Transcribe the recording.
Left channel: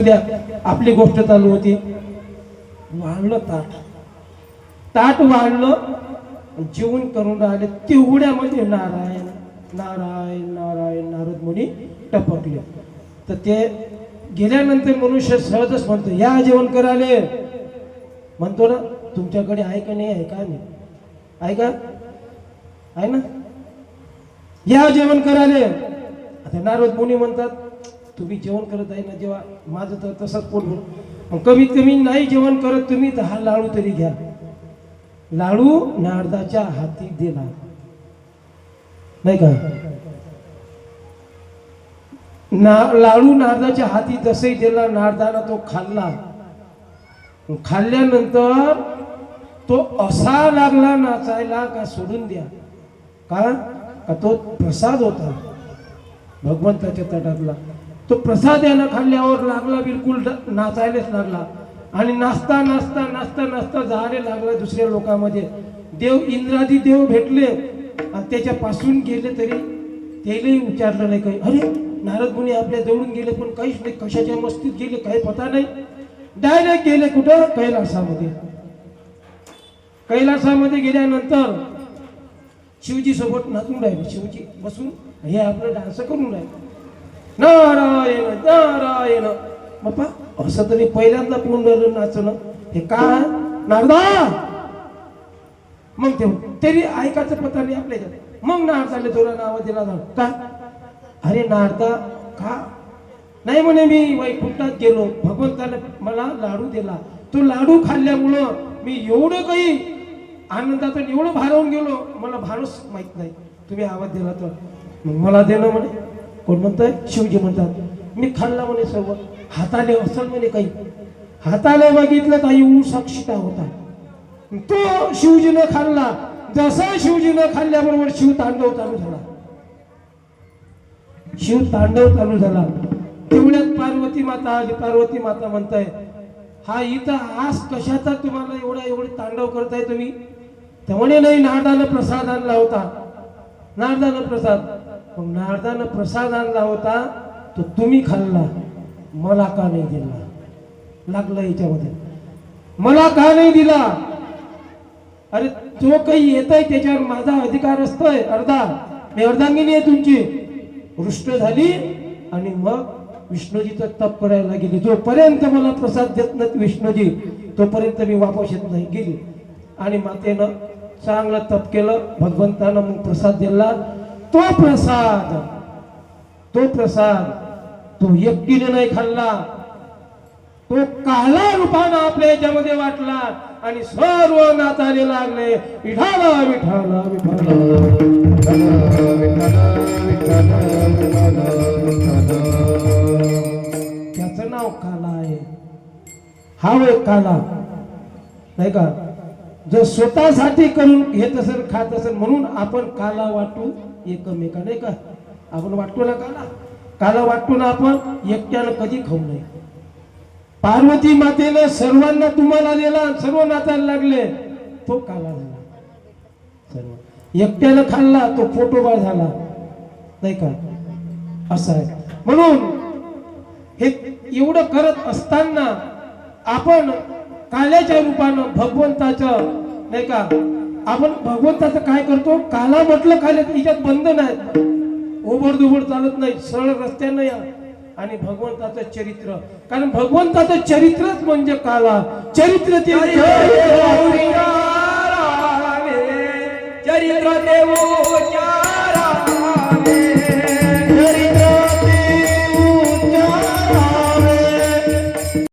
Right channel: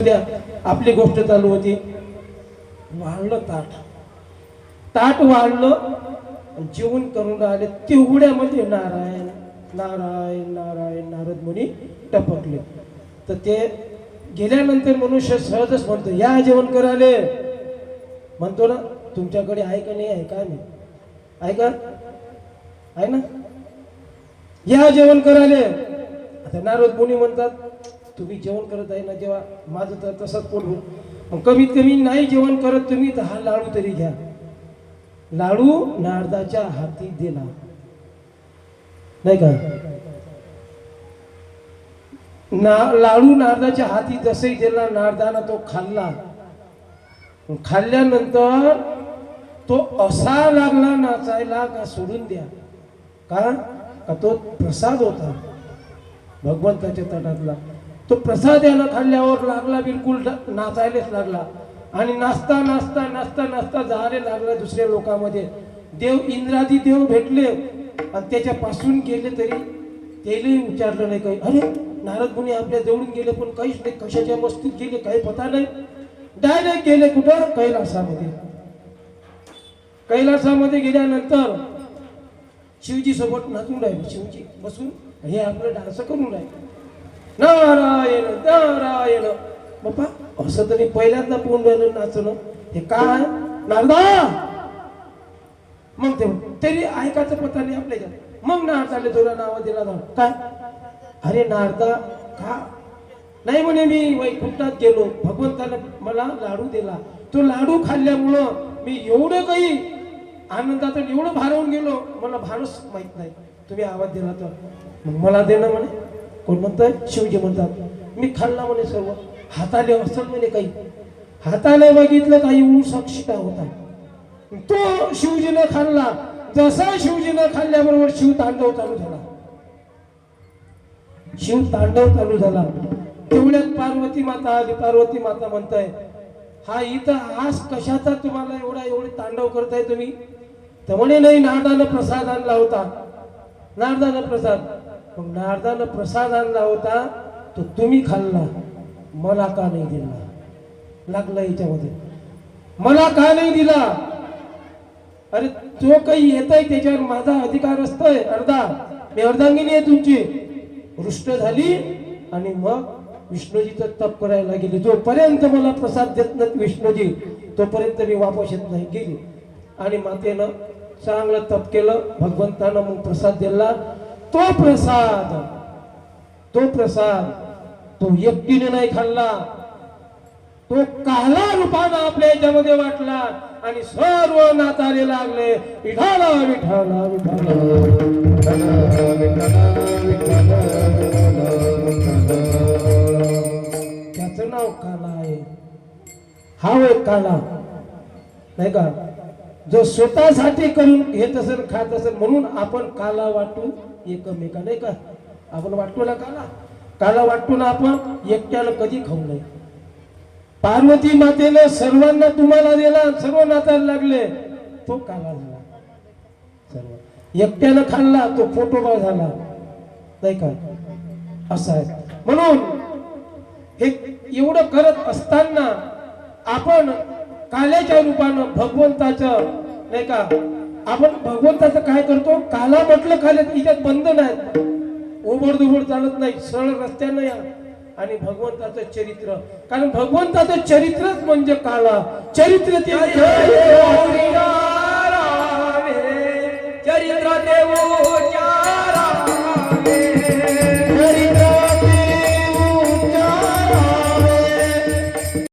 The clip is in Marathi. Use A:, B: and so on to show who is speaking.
A: आपली गोष्ट चालू होती. वाढलं ताट. ताट वाढलं जेवण करून राहिले. तेवढ्यामध्ये नारायण नारायण नारायण नारद मुनी टपकले. तर ते गेल्यानंतर मनुष्य सहजच म्हणतो या जेवण करायले. म्हणतो ना तुमच्याकडे आहे का नाही आहे का नाही आहे का? आहे ना. या जेवण करायले. आता नारद मुनी म्हणतात तुम्ही जेवण करत आहे ना जेव्हा माझं तर तसंच पोट मग कमीत कमी नाही जेवण करत तुम्ही तर हा लाडू तरी घ्या. लाडू नारदाच्या हाती दिला नाही का? ना लाडू नारदाच्या हाती जसही दिला नारदानं तो खाल्ला. खाल्ल्यानंतर तो असा लागला नाचायला का सोडून द्या. कारण का तो प्रसाद होता. भगवंताच्या तटातला. तो प्रसाद यानं खाल्ल्यावर लागला बिलकुल नाचायलाच लागला. आणि नाचता नाचता नाचता नाचता जायला लागला दुसऱ्या लोकांमध्ये. देव इंद्रादी देव भेटले. आणि त्याच्यापासून गेले तरी त्यालाही विचारलं नाही काही. अरे नारद मुनी आपल्या जवळून गेले पण काहीच नाही. कशाच्या मस्तीत गेले काही पता नाही. डायरेक्ट गेले कुठं? कैलासामध्ये. कैलासामध्ये गेल्यानंतर शिवजी सोबत नाचून राहिले. शिवजी बसून हे आपलं डान्स करून राहिले. नारा बाप्पा असं तरी पहिल्यांदा पूर्ण नाचणं. हे का नारदा! मग ते तरी ऐकायचं पता नाही आपल्या मग नारदाले थोड्या नावा दिला जाऊ. काय अरे नारदा का? नाही म्हणे मी वैकुंठात गेलो. भगवंताने मला लाडू दिला. तो लाडू खाल्ल्यामुळं मी एवढं काही आनंदात एवढं भारावून गेलो. मला भारच माहीत नाही. तुम्ही आवाज दिला तर. मला देणं म्हणे. कोण म्हणतंय? शिवजी म्हणतात. मी खाल्ला म्हणे सर्व. हाताने असल म्हणे काही. हाताने बघितलं तर येऊन साक्षीता होता. तो शिवजीने खाल्ला. जसा शिवजीने खाल्ल्याबरोबर शिव तांडव चालू झाला. शिव तांडव चालू झाला. तेवढ्यात पार्वती माता आली. पार्वती माता म्हणताय हा इथं आज कशाचा तुम्हाला एवढा एवढे तांडव करताय तुम्ही? तर म्हणे नाही नारदानं प्रसाद आणला होता. नारदानं प्रसाद. पण नारदानं प्रसाद आणला होता तो तुम्ही खाल्ला. मला का नाही दिला? लागलं याच्यामध्ये. मला का नाही दिला? अरे जो काही येत आहे त्याच्यावर माझा अधिकार असतोय अर्धा. मी अर्धांगिनी आहे तुमची. रुष्ट झाली आणि मग विष्णूजीचं तप करायला गेली. जोपर्यंत मला प्रसाद देत नाहीत विष्णूजी तोपर्यंत मी वापस येत नाही गेली. आणि मातेनं चांगलं तप केलं भगवंतानं मग प्रसाद दिला. तो प्रसाद तो प्रसाद तो एकटीने नाही खाल्ला. तो काला रूपानं आपल्या याच्यामध्ये वाटला आणि सर्व नाताले लागले. विठाला विठाला विठाला त्याचं नाव काला आहे. हा होय काला नाही का? जो स्वतःसाठी करून घेत असेल खात असेल म्हणून आपण काला वाटू एकमेका नाही का? आपण वाटतो ना काला? काला वाटतो ना आपण एकट्यानं कधी खाऊ नये. पार्वती मातेनं सर्वांना तुम्हाला दिला सर्व नाचायला लागले तो काला झाला. एकट्यानं खाल्ला तो फोटोबा झाला. नाही का? असं आहे. म्हणून हे एवढं करत असताना आपण काल्याच्या रूपानं भगवंताचं नाही का? आपण भगवंताचं काय आणि भगवंताचं चरित्र. कारण भगवंताचं चरित्रच म्हणजे काला. चरित्र ते चरित्र देव.